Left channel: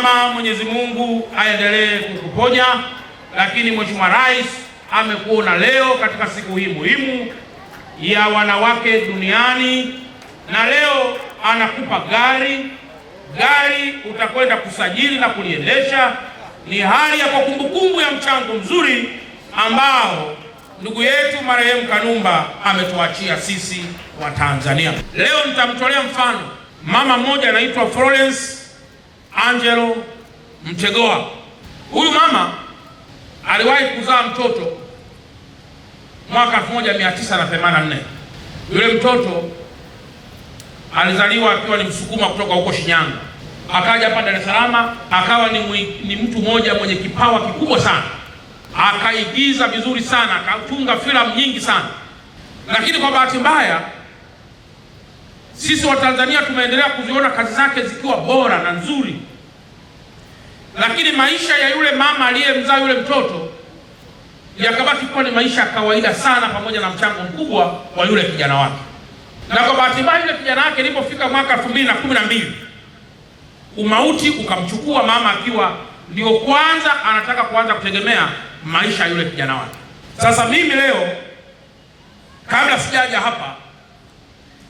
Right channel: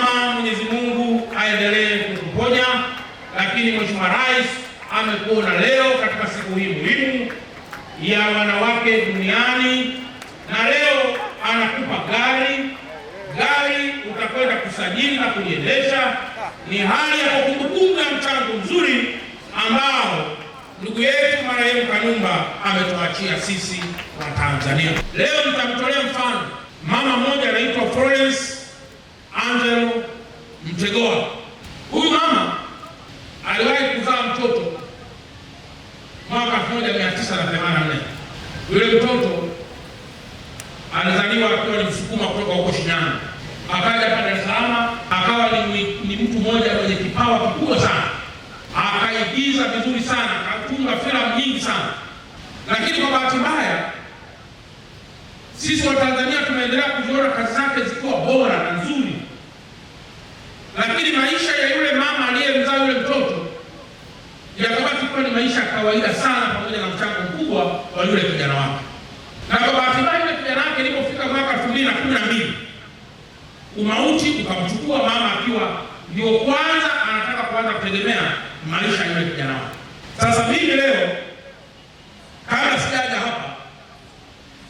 Mama, Mwenyezi Mungu aendelee kukuponya, lakini Mheshimiwa Rais amekuona leo katika siku hii muhimu ya wanawake duniani, na leo anakupa gari utakwenda kusajili na kuliendesha. Ni hali ya kumbukumbu ya mchango mzuri ambao ndugu yetu marehemu Kanumba ametuachia sisi wa Tanzania. Leo nitamtolea mfano mama mmoja anaitwa Florence Angelo Mtegoa. Huyu mama aliwahi kuzaa mtoto mwaka 1984. Yule mtoto alizaliwa akiwa ni Msukuma kutoka huko Shinyanga, akaja hapa Dar es Salaam, akawa ni mtu mmoja mwenye kipawa kikubwa sana, akaigiza vizuri sana, akatunga filamu nyingi sana. Lakini kwa bahati mbaya sisi wa Tanzania tumeendelea kuziona kazi zake zikiwa bora na nzuri, lakini maisha ya yule mama aliyemzaa yule mtoto yakabaki kuwa ni maisha ya kawaida sana, pamoja na mchango mkubwa wa yule kijana wake. Na kwa bahati mbaya yule kijana wake ilipofika mwaka 2012 umauti ukamchukua mama, akiwa ndio kwanza anataka kuanza kutegemea maisha ya yule kijana wake. Sasa mimi leo kabla sijaja hapa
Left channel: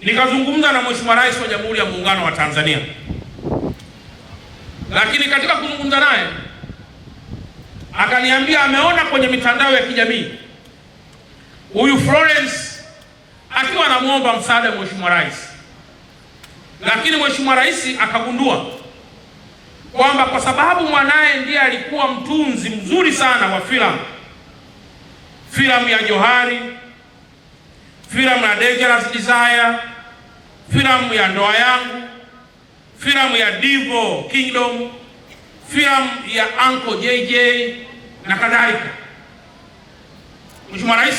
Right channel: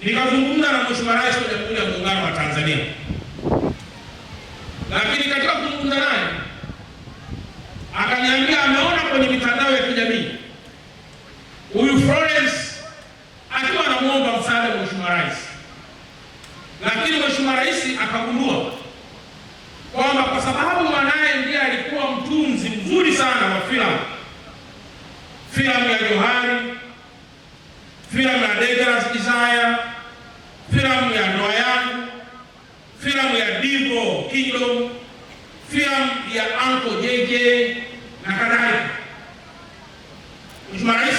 nikazungumza na Mheshimiwa Rais wa Jamhuri ya Muungano wa Tanzania, lakini katika kuzungumza naye akaniambia ameona kwenye mitandao ya kijamii huyu Florence akiwa anamuomba msaada Mheshimiwa Rais, lakini Mheshimiwa Rais akagundua kwamba kwa sababu mwanaye ndiye alikuwa mtunzi mzuri sana wa filamu ya Johari, filamu ya Dangerous Desire, filamu ya Ndoa Yangu, filamu ya Divo Kingdom, filamu ya Uncle JJ na kadhalika, Mheshimiwa Rais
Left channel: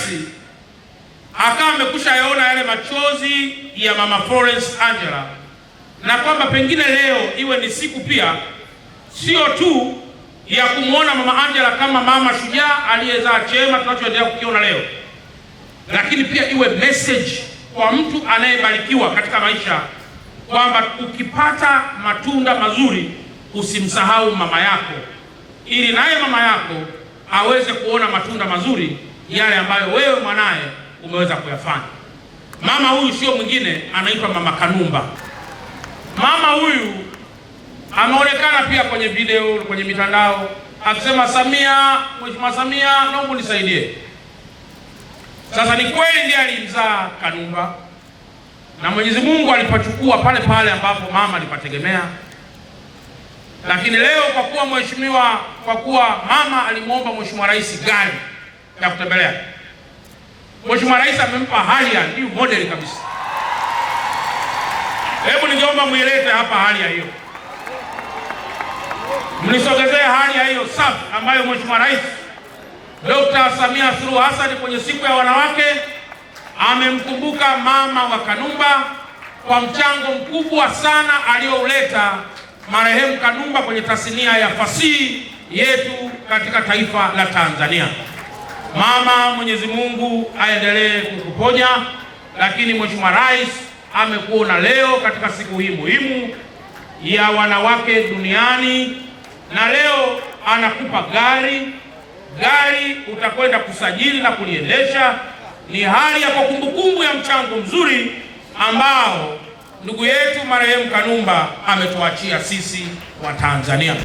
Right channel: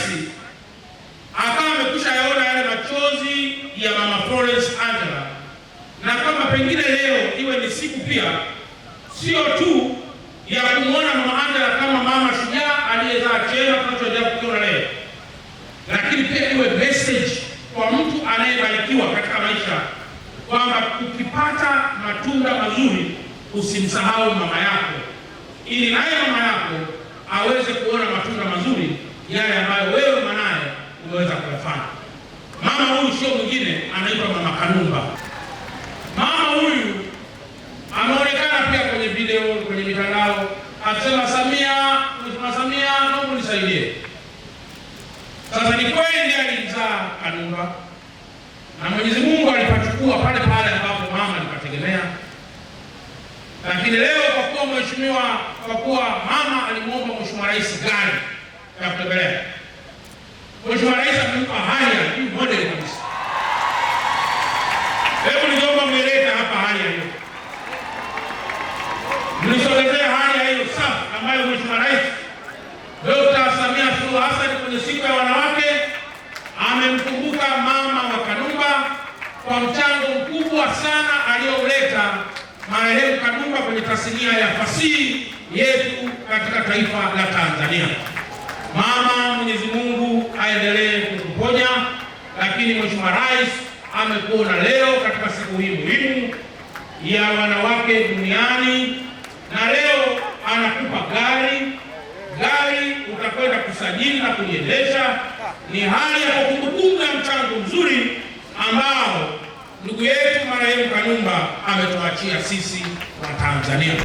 akawa amekwisha yaona yale machozi ya mama Florence Angela, na kwamba pengine leo iwe ni siku pia sio tu ya kumwona mama Angela kama mama shujaa aliyezaa chema tunachoendelea kukiona leo, lakini pia iwe message kwa mtu anayebarikiwa katika maisha kwamba ukipata matunda mazuri usimsahau mama yako, ili naye mama yako aweze kuona matunda mazuri yale ambayo wewe mwanaye umeweza kuyafanya. Mama huyu sio mwingine, anaitwa Mama Kanumba. Mama huyu ameonekana pia kwenye video, kwenye mitandao akisema, Samia, Mheshimiwa Samia, naomba nisaidie. Sasa ni kweli ndiye alimzaa Kanumba, na Mwenyezi Mungu alipachukua pale pale ambapo mama alipategemea. Lakini leo kwa kuwa mama alimuomba Mheshimiwa Rais gari ya kutembelea, Mheshimiwa Rais amempa hali ya juu model kabisa. Hebu ningeomba mweleke hapa hali ya hiyo, mnisogezee hali ya hiyo safi ambayo Mheshimiwa Rais Dr. Samia Suluhu Hassan kwenye siku ya wanawake amemkumbuka mama wa Kanumba kwa mchango mkubwa sana aliouleta marehemu Kanumba kwenye tasnia ya fasihi yetu katika taifa la Tanzania. Mama, Mwenyezi Mungu aendelee kukuponya, lakini Mheshimiwa Rais amekuona leo katika siku hii muhimu ya wanawake duniani, na leo anakupa gari utakwenda kusajili na kuliendesha. Ni hali ya kumbukumbu ya mchango mzuri ambao ndugu yetu marehemu Kanumba ametuachia sisi wa Tanzania.